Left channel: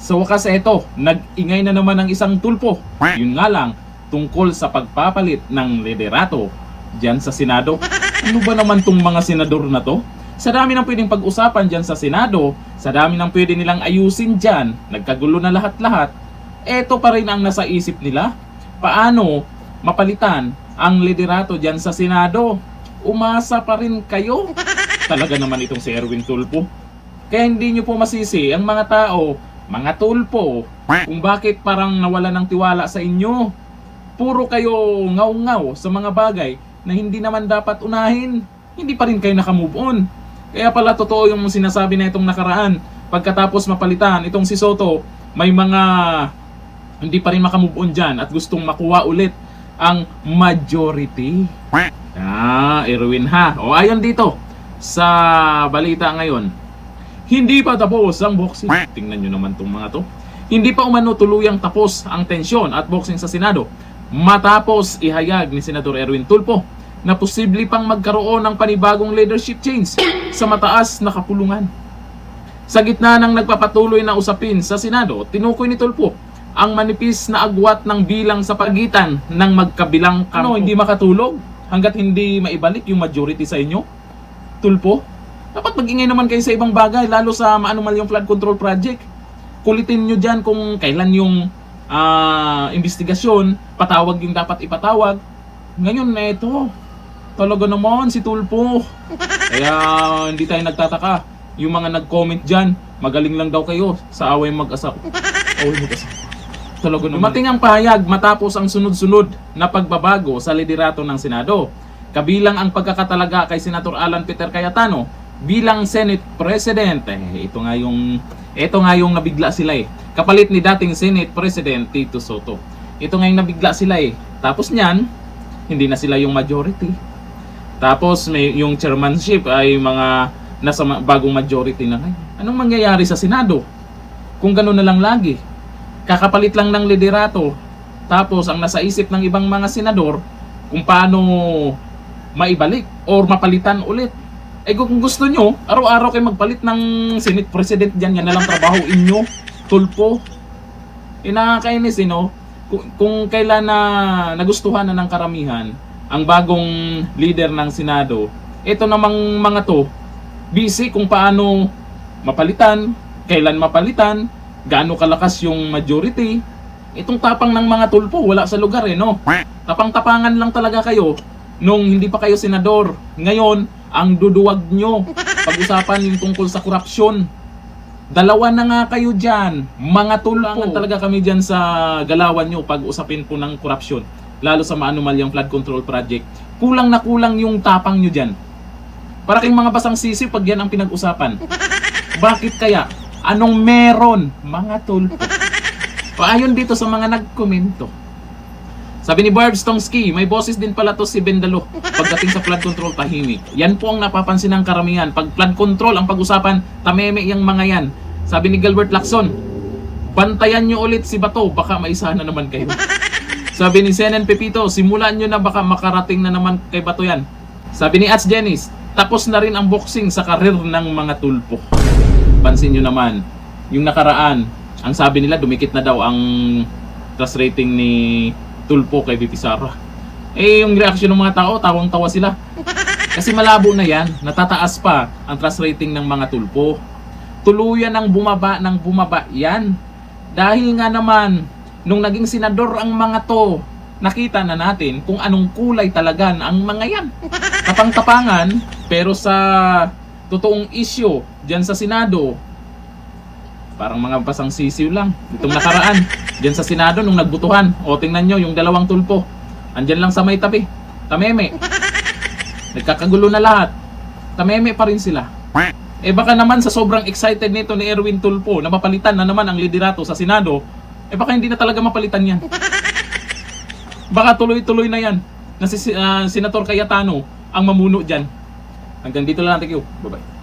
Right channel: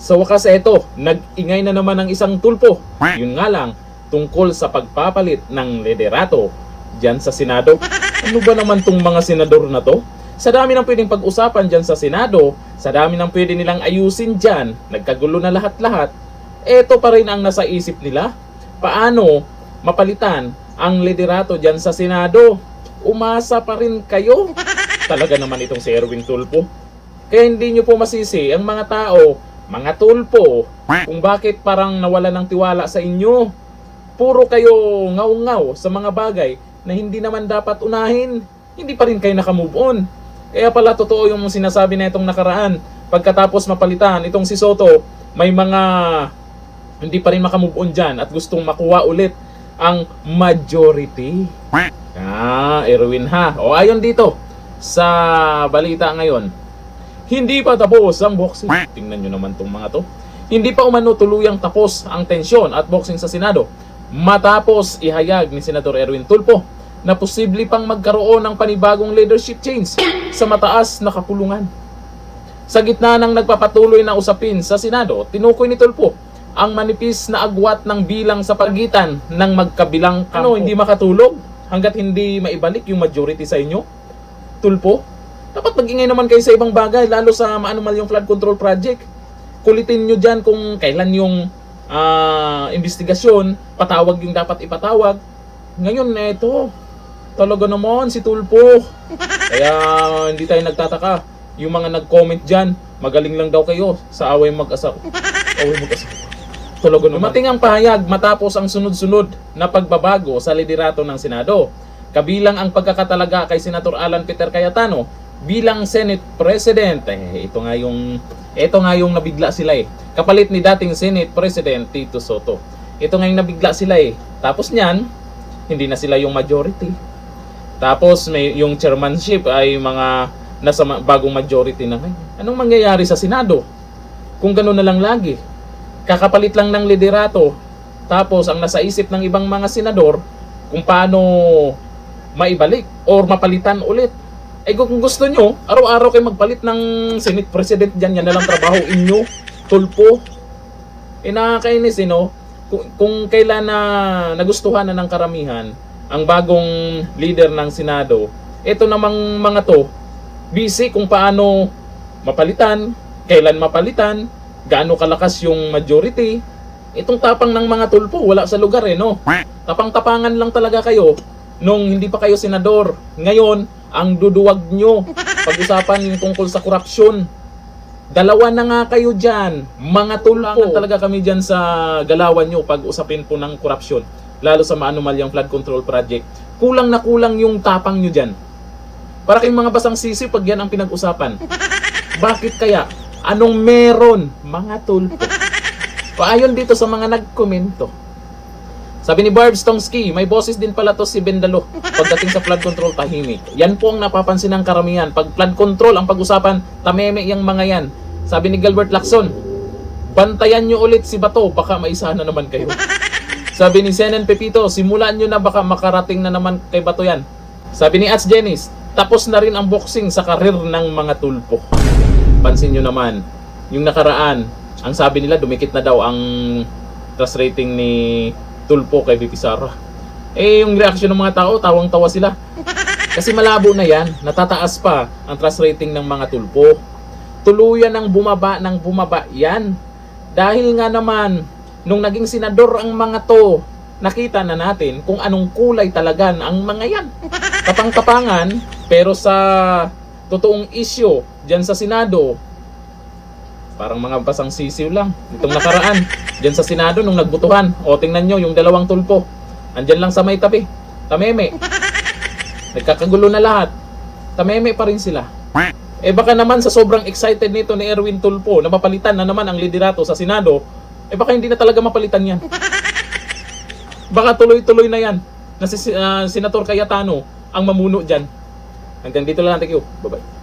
Sa wakas eto, nag-ingay na naman ang isang tulpo. Yun nga lang, tungkol sa pagpapalit ng liderato dyan sa Senado. Ano ba naman tong mga senador na to? Sa dami ng pwedeng pag-usapan dyan sa Senado, sa dami ng pwede nilang ayusin dyan, nagkagulo na lahat-lahat, eto pa rin ang nasa isip nila. Paano mapalitan ang liderato dyan sa Senado? Umasa pa rin kayo? Talaga naman itong si Erwin Tulfo. Kaya hindi nyo po masisi ang mga tao, mga tulpo, kung bakit parang nawala ng tiwala sa inyo. Puro kayo ngaw-ngaw sa mga bagay na hindi naman dapat unahin. Hindi pa rin kayo nakamove on. Kaya pala totoo yung sinasabi na itong nakaraan. Pagkatapos mapalitan itong si Soto, may mga hindi pa rin makamove on dyan at gustong makuha ulit ang majority. Erwin ha. O ayon dito sa balita ngayon, hindi pa tapos ang boxing. Tingnan nyo naman tong mga to. Hindi pa umano tuluyang tapos ang tensyon at boxing sa Senado matapos ihayag ni Senador Erwin Tulfo na posible pang magkaroon ng panibagong leadership change sa mataas na kapulungan. Sa gitna ng nagpapatuloy na usapin sa Senado, tinukoy ni Tulfo ang manipis na agwat ng bilang sa pagitan ng magkabilang kampo. Hindi makatulog hanggat hindi maibalik yung majority sa inyo? Tulfo, dapat mag-ingay naman kayo sa ibang bagay, lalo sa maanumal yung flood control project. Kulitin nyo dyan kung kailan yung investigasyon, patawag yung dapat ipatawag. Ngayon na ito, talaga naman si Tulfo. Kaya hindi tayo nagtataka. Yung mga nag-comment dyan, magaling lang daw kayo sa away mag-asawa. Talaga naman. Dumating ang pahayag matapos ang sunod-sunod na pagbabago sa liderato ng Senado. Kabilang ang pagkakatalaga kay Senator Alan Peter Cayetano bilang Senate President. Ito nga yung nabigla sila eh. Kapalit ni dating Senate President Tito Soto. Ito nga yung nabigla sila eh. Tapos niyan, hindi na sila yung majority. Tapos may yung chairmanship ay mga nasa bagong majority na ngayon. Anong mangyayari sa Senado? Kung gano'n na lang lagi. Kakapalit lang ng liderato. Tapos ang nasa isip ng ibang mga senador kung paano maibalik or mapalitan ulit. Kung gusto nyo, araw-araw kayo magpalit ng Senate President dyan, yan na lang trabaho inyo, Tulfo. Nakakainis, kung kailan na nagustuhan na ng karamihan ang bagong leader ng Senado, ito namang mga to, busy kung paano mapalitan, kailan mapalitan, gaano kalakas yung majority. Itong tapang ng mga Tulfo, wala sa lugar Tapang-tapangan lang talaga kayo nung hindi pa kayo senador. Ngayon, ang duduwag nyo pag-usapan yung tungkol sa korupsyon. Dalawa na nga kayo dyan, mga Tulfo. Talaga kami dyan sa galawan nyo pag-usapin po ng korupsyon, lalo sa maanumalyang flood control project. Kulang na kulang yung tapang nyo dyan. Para kayong mga basang sisi pag yan ang pinag-usapan. Bakit kaya? Anong meron, mga Tulfo? Paayon dito sa mga nagkomento. Sabi ni Barbs Tongski, may boses din pala to si Bendalo pagdating sa flood control, tahimik. Yan po ang napapansin ng karamihan. Pag flood control ang pag-usapan, tameme yung mga yan. Sabi ni Gilbert Lacson, bantayan nyo ulit si Bato, baka maisa na naman kayo. Sabi ni Senen Pepito, simulan nyo na, baka makarating na naman kay Bato yan. Sabi ni Ats Jenice, tapos na rin ang boxing sa karir ng mga Tulfo. Pansin nyo naman, yung nakaraan, ang sabi nila dumikit na daw ang trust rating ni Tulfo kay VP Sara. Yung reaksyon ng mga tao, tawang-tawa sila. Kasi malabo na yan, natataas pa ang trust rating ng mga Tulfo. Tuluyan ng bumaba yan. Dahil nga naman, nung naging senador ang mga to, nakita na natin kung anong kulay talaga ang mga yan. Tapang-tapangan, pero sa totoong issue dyan sa Senado, parang mga basang sisiw lang. Itong nakaraan, dyan sa Senado nung nagbutuhan. O tingnan nyo, yung dalawang Tulfo. Andyan lang sa may tabi. Tameme. Nagkakagulo na lahat. Tameme pa rin sila. Baka naman sa sobrang excited nito ni Erwin Tulfo na mapalitan na naman ang liderato sa Senado, baka hindi na talaga mapalitan yan. Baka tuloy-tuloy na yan na si Senator Cayetano ang mamuno dyan. Hanggang dito lang. Thank you. Bye-bye.